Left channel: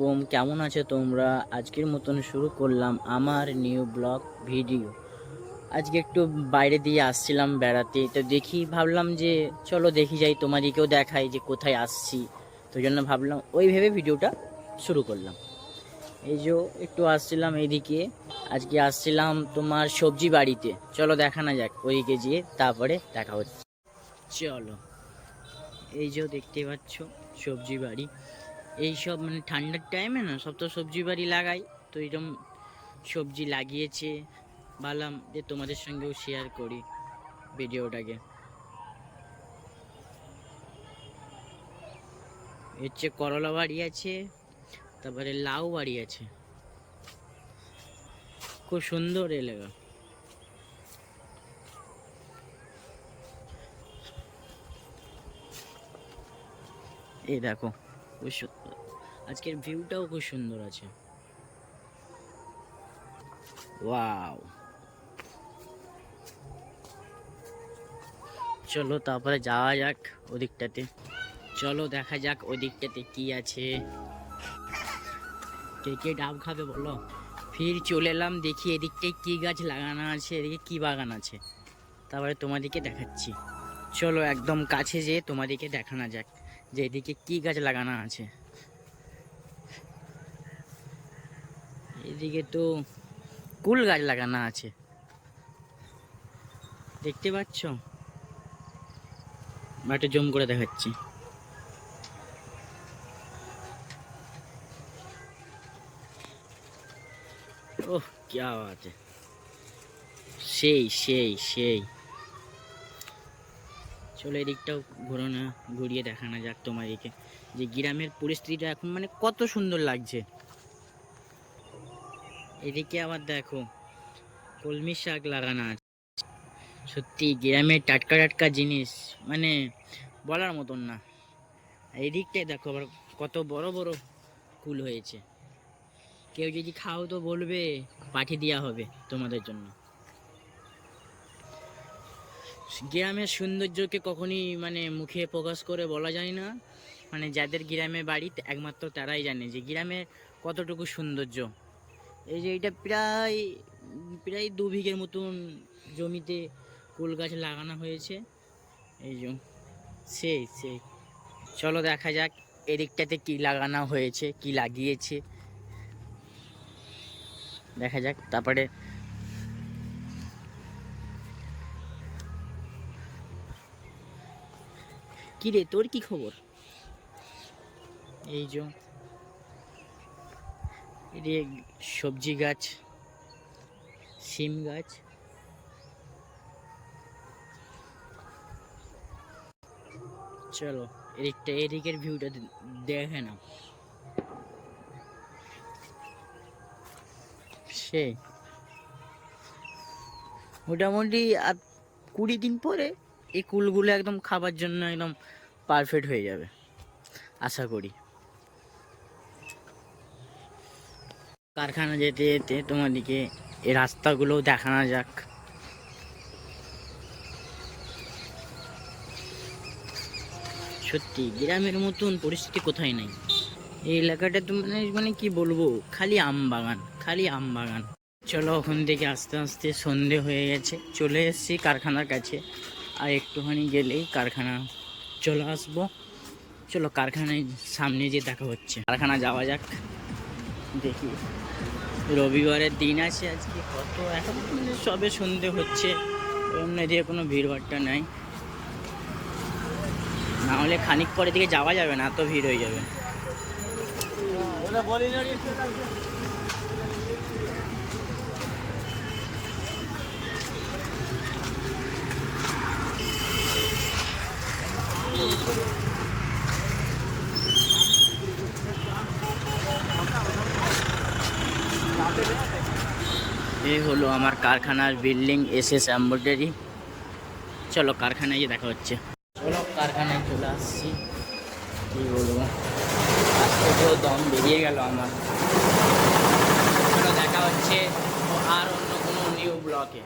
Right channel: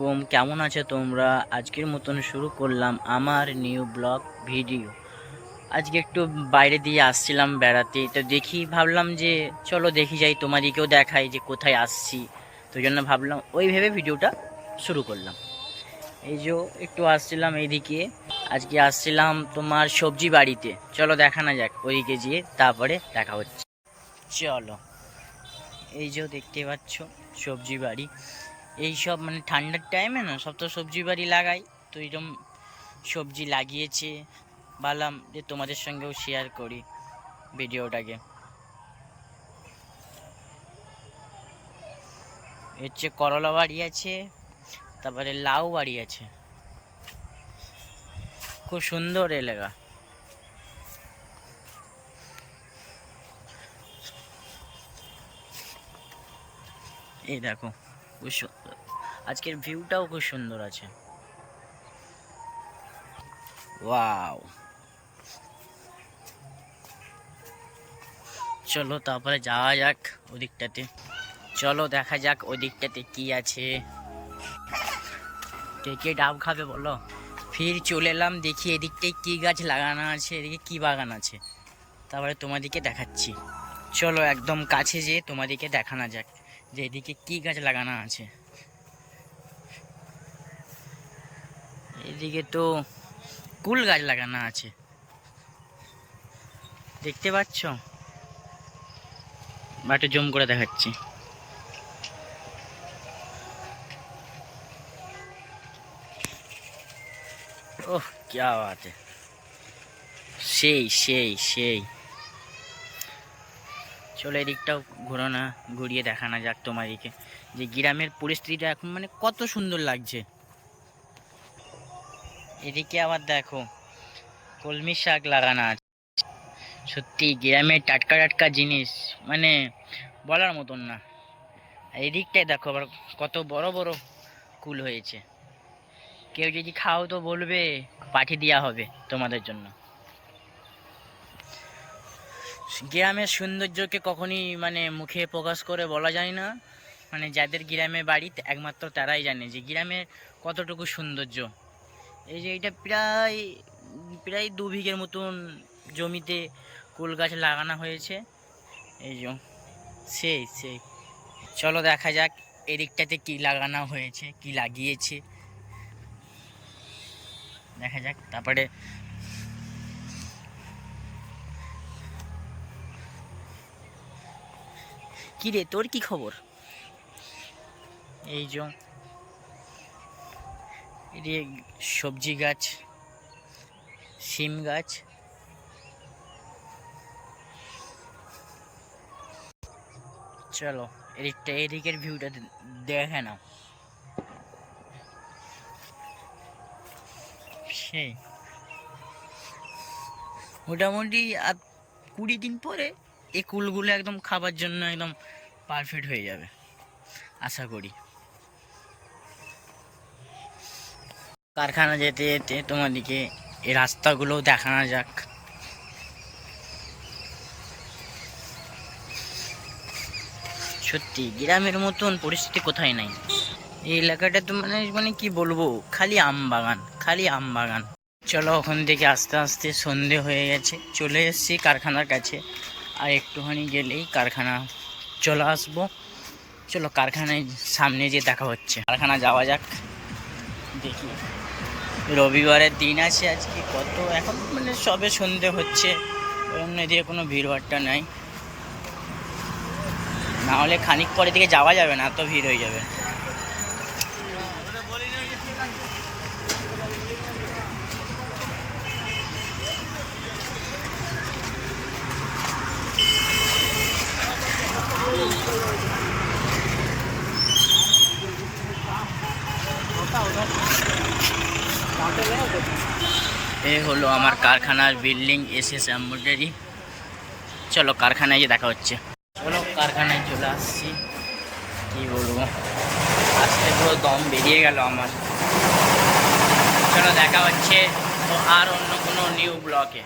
কম কেমন আছো তোমরা? আজকের মতন শুরু করলাম আমার নিউ ব্লগ ভিডিও আজকে একটু বাইরে দিয়ে আসছিলাম বেড়াতে, তো দেখি ভাবলাম যে চলো দেখি যাই, তোমাদেরকেও দেখাই যে কোথায় আসছি। তো জন্য ভাবলাম ওই ভেবে ভিডিওটা শুরু করলাম। এই যে একটু আসছিলাম এইদিকে আজকে আসছিলাম তোমার সবজি বাড়িতে। চলো দেখা না যাক, ওইদিকে গিয়ে তারপরে দেখা হচ্ছে। চলো, এই যে দেখতে পাচ্ছ সবজি বাড়ি। এই সব মানে ঠান্ডার টাইমে না, সব তো সবজি বাড়ি লাগাই। তো এরকম সবজি লাগিয়েছে, ভাবলাম যে তোমাদের সঙ্গেও শেয়ার করি ভিডিওটাকে। হচ্ছে করলা বাড়ি আছে, তারপরে লাউ বাড়ি আছে। খুব সুন্দর এলাকা। এই দেখো। খুব সুন্দর আজকের ভিউটাও খুব সুন্দর আছে। ওয়াও। চলো তারপরে যাওয়া যাক ওদিকটাতে। চলো দেখা যাক ওদিকটাতে কি আছে। কে কে ডাব খাবে বলো? ফির চলে এলাম, দেখি এদিকটায় কি গাছ লাগানো আছে, এদিকে কি বাগান আছে। তারপরে তোমাদেরকে দেখাচ্ছি। চলো একদম কাছে যেয়ে তোমাদেরকে দেখানো যাক। যে এদিকে কি গাছ লাগানো আছে এদিকে তো কুল গাছ লাগানো আছে দেখতে পাচ্ছ বাটে জম করে দেখাচ্ছি ওহ क्या बात है সেই সেই সেই চলো এদিকটাও ঘোরো না, ঘুরিয়ে দেখানো যাক তোমাদেরকে যে গ্রামের পরিস্থিতিটা এখন মানে কত সুন্দর লাগছে। এদিকে আবার দেখো, কলমি শাক লাগানো আছে। সত্যি গ্রামের টাটকা টাটকা জিনিস মানে বলার মতন না। এদিকটায় দেখো আবার কত বড় বড় কুল হয়েছে। কেউ যদি খাও তো বলবে, পাঠিয়ে দেওয়া হবে তোমাদের জন্য। গ্রামের সৌন্দর্যকে কখনই মানে মুখে প্রকাশ করে বলা যায় না। মানে যাদের গ্রামে বাড়ি একমাত্র তারাই জানে যে গ্রামে কতটুকু সৌন্দর্য। এই যে এটা প্রায় প্রায় দু বিঘের মতন জমিতে কুল গাছ লাগানো হয়েছে। এই যে, সেই সেই। চলো দেখা যাক এদিকটাতে কি লাগানো হয়েছে, কি লাগিয়েছে। দেখা যাক, তারপরে কি রে? তোর কি খবর? এই যে। এদিকে সবজি গাছ, শিম গাছ। চলো, এদিকটা, এদিকের ভিউটা দেখে নাও। সেই মোটামুটি আর কুড়ি দিন পরে এই কুলগুলো একদম খাবার জন্য একদম পারফেক্ট হয়ে যাবে। আশা করি। কারখানা যেতে যেতে তোমাদেরকে এই রাস্তাগুলো দেখানো যাক। সত্যি, গ্রামের মতন পরিস্থিতি কোথায় নাই? এই এলাকাটা তো মানে মানে কি বলব, খালি আম বাগান, খালি আম বাগান। চলো ওখান থেকে আস্তে আস্তে সন্ধে হয়ে গেছে, চলে এসেছি কারখানার কাছে। আর একটুখানি গেলেই কারখানা চলে আসব। চলো কারখানায় সামনে যে দেখা হচ্ছে। কারখানা যাওয়া যাক। দেখি। রবিবারের দিন আছে আজকে, কত এখন মানে সবে সন্ধে হচ্ছে, অন্য দিয়ে কোনো ভিড়ভাট্টা নাই। না হলে খানিক পরে দিকে যাওয়া যাবে না, এত ভিড় হয়ে যাবে। এ হলো আমার কারখানার বিল্ডিং এস এস এম্ব্রয়ডারি চলো কারখানায় গিয়ে দেখা হচ্ছে। চলো কারখানায় চলে আসছি। কি বলব? আসতে পুরো দম বেরিয়ে গেল আমার। চলো দেখা হচ্ছে আর অন্য কোনো নিউ ব্লকে